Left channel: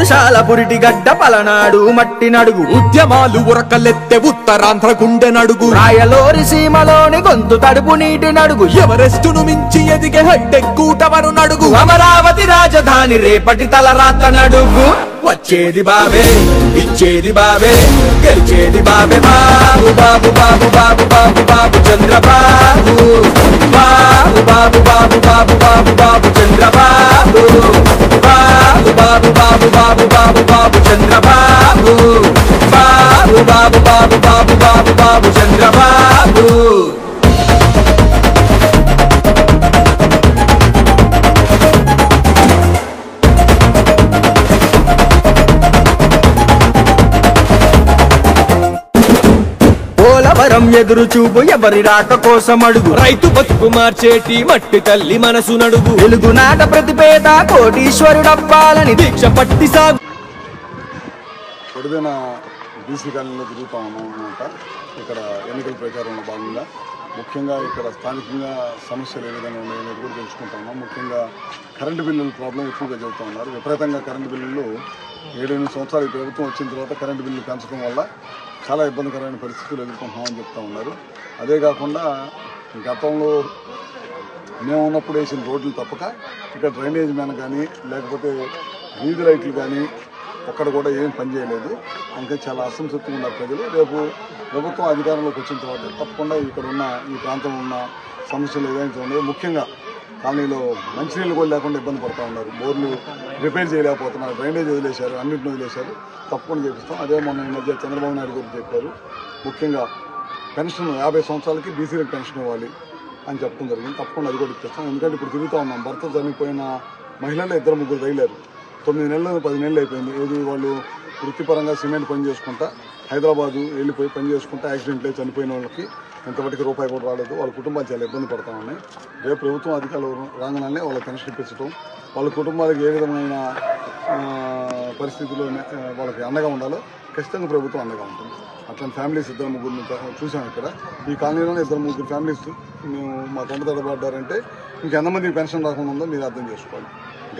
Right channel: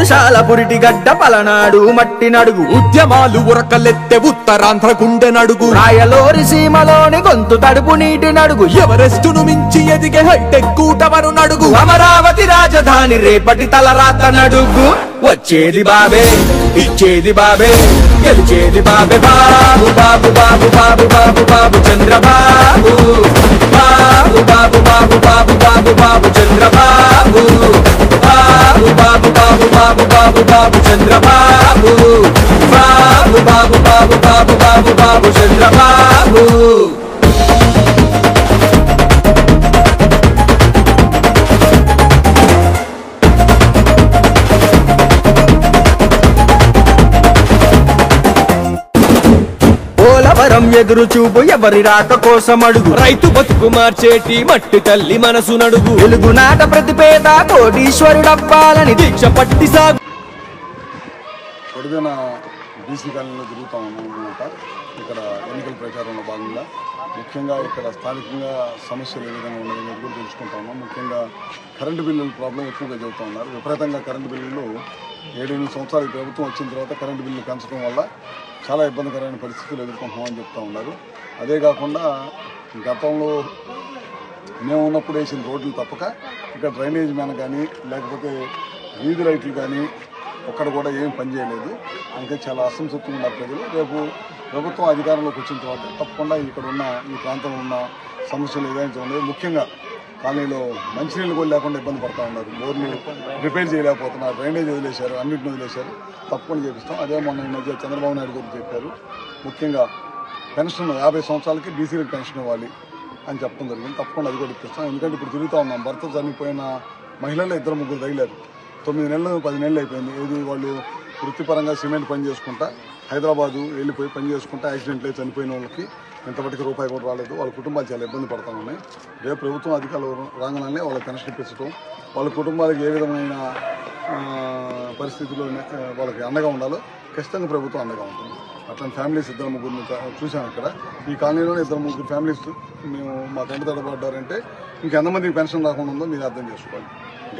పురుషాల పురిటి గడ్డ పలనాడు మట్టి నడుగు ఉద్యమాలు ఉరకలెత్తె ఉత్తరాంధ్ర గుండె నడుగు రాయలోరి సీమలోని గొంతు తడుపు నీటి నడుగు ఎవరెస్టును మించి ఎదిగే హైటెక్ కూటవరు నడుగు అమరావతి రాజధాని రేపటి తలరాత నడుగు వచ్చేది బాబే ఇచ్చేది బాబే గెలిచేది బాబే బాబు బాబు బాబు బాబు బాబు బాబు చంద్రబాబు బాబు బాబు బాబు బాబు బాబు బాబు చంద్రబాబు బాబు బాబు బాబు బాబు బాబు బాబు చంద్రబాబు బాబు బాబు బాబు బాబు బాబు బాబు చంద్రబాబు పోలవరం ఎదురు చూపు ఎవరి రాక కోసం అడుగు రైతు బతుకు మార్చేటి మట్టి తల్లి మనసు నడుగు వెలుగు నాట ప్రతిపేద కోటీశ్వరుడవ్వాలని దీక్ష పట్టి సాగు పొడిదైన బీసీ కాలనీలో తిరుగుతూ ఉన్నాం అనమాట. ఇక్కడ ఎన్నికల ప్రచారంలో భాగంగా ముఖ్యంగా ఇక్కడ స్థానికంగా సమస్యలు ఏ విధంగా ఉన్నాయనేది కూడా తెలుసుకుంటా ఉన్నాం. ముఖ్యంగా కరెంటు బిల్లుల ప్రాబ్లం ఎక్కువగా చెబుతూ ఉన్నారు. విపరీతంగా కరెంటు బిల్లులు 7-8 సంవత్సరాలు ఈ ప్రభుత్వం వచ్చిన తర్వాత కరెంటు బిల్లు పెంచడం వల్ల చాలా ఇబ్బందికరమైన పరిస్థితులు ఎదుర్కొంటున్నామని చెప్తూ ఉన్నారు. అదే కాకుండా గతంలో మేము ఉన్నప్పుడు వేసిన రోడ్లు తప్పక ఇక్కడ డ్రైనేజ్ మ్యాన్ కానీ లేకపోతే వీధి లైట్లు కానీ ఒక్కడ కూడా ఏం పనిచేయలేదు. అందుకే చాలా అసంతృప్తిగా ఉన్నారు ప్రజలు. రేపు ప్రభుత్వం అధికారంలోకి వచ్చిన తర్వాత తప్పకుండా ఇక్కడ ఉన్న ఈ ప్రాంతంలో ఉన్న సమస్యలు ఏదైతే ఉన్నాయో ముఖ్యంగా కాలనీలో మంచినీళ్ళు కూడా లేకుండా ఇబ్బంది పడుతూ ఉన్నారు. బోర్లు రిపేర్ చేయలేకపోతున్నారు, డ్రైనేజ్ వదిలేశారు, అన్నింటిని వదిలేశారు. తప్పకుండా చేపిస్తాం. అదే మొన్న ఈ మధ్య చంద్రబాబు నాయుడు గారు చెప్పారు. ముఖ్యంగా పెన్షన్ 50 సంవత్సరాలకి బీసీలకు పెన్షన్ ఇవ్వాలి అని చెప్పడం జరిగింది. తప్పకుండా అది కూడా ఇప్పిస్తాం. ఎందుకంటే ఇప్పుడు తిరుగుతూ ఉన్నాం. భర్త చనిపోయిన మహిళలు 2-3 రైలారు. 9 నెలలు 10 నెలలు అయిపోయింది. ఏది వాళ్ళు వృత్తిపరంగా సిమెంట్ పని చేసుకుంటా హైదరాబాదు వెళ్ళిపోయి పని చేసుకుంటా యాక్సిడెంట్లు అయి చనిపోయిన వాళ్ళకి ఇంతవరకు రూపాయి కూడా రాలేదు. వాళ్ళ కుటుంబాలు చాలా ఇబ్బంది పడతా ఉన్నాయి. రేపు ప్రభుత్వం అధికారులు రాగానే వాళ్ళకి పెన్షన్ ఇప్పించడం, వాళ్ళ కుటుంబాలకు ఏ విధమైన పరిస్థితుల్లో వాళ్ళకి అండగా ఉండాలో ఖచ్చితంగా ప్రభుత్వం అండగా ఉంటుంది. అట్లాంటి ఫ్యామిలీస్ 2-3 చూసాం ఇక్కడ. ఈ కాలనీలోనే 2-3 ఫ్యామిలీస్ మేము మా తండ్రి తడబడ్డారంటే ఇంకెంతమందికి పెన్షన్ రాకుండా ఉందో మీరు అర్థం చేసుకోవాలి.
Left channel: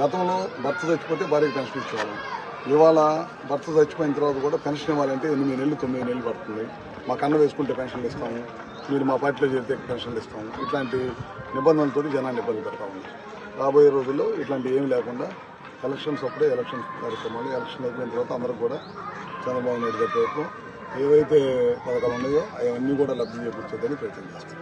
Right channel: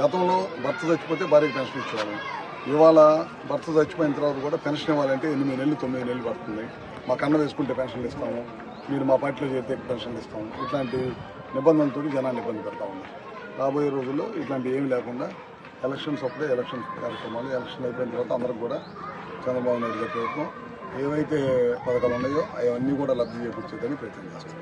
గతంలో భర్త చచ్చిపోతే భార్యకి పెన్షన్ ఇచ్చేవాళ్ళం. ఇవాళ భర్త చచ్చిపోయిన తర్వాత కూడా పెన్షన్ ఇవ్వాలంటే 8 నెలలు 9 నెలలు పడుతుంది. మా కన్న వేసుకుంటే పెన్షన్లు ఇస్తాము, మీరు మా పార్టీలో చేరితే పెన్షన్లు ఇస్తాము. ఇట్లాంటి నిబంధనలతో జనాన్ని ఇబ్బంది పెడతా ఉన్నారు. రాబోయే రోజుల్లో ఇట్లాంటి ఏమీ లేకుండా ఎలక్షన్స్ అప్పుడే ఎలక్షన్ కార్యక్రమాలు, ఎలక్షన్ అయిపోయిన తర్వాత అందరికి కూడా చంద్రబాబు నాయుడు గారి ప్రభుత్వం ఏవైతే పథకాలు ఉన్నాయో అవన్నీ కూడా లబ్ధి చేకూర్చేదని ప్రయత్నం చేస్తాం.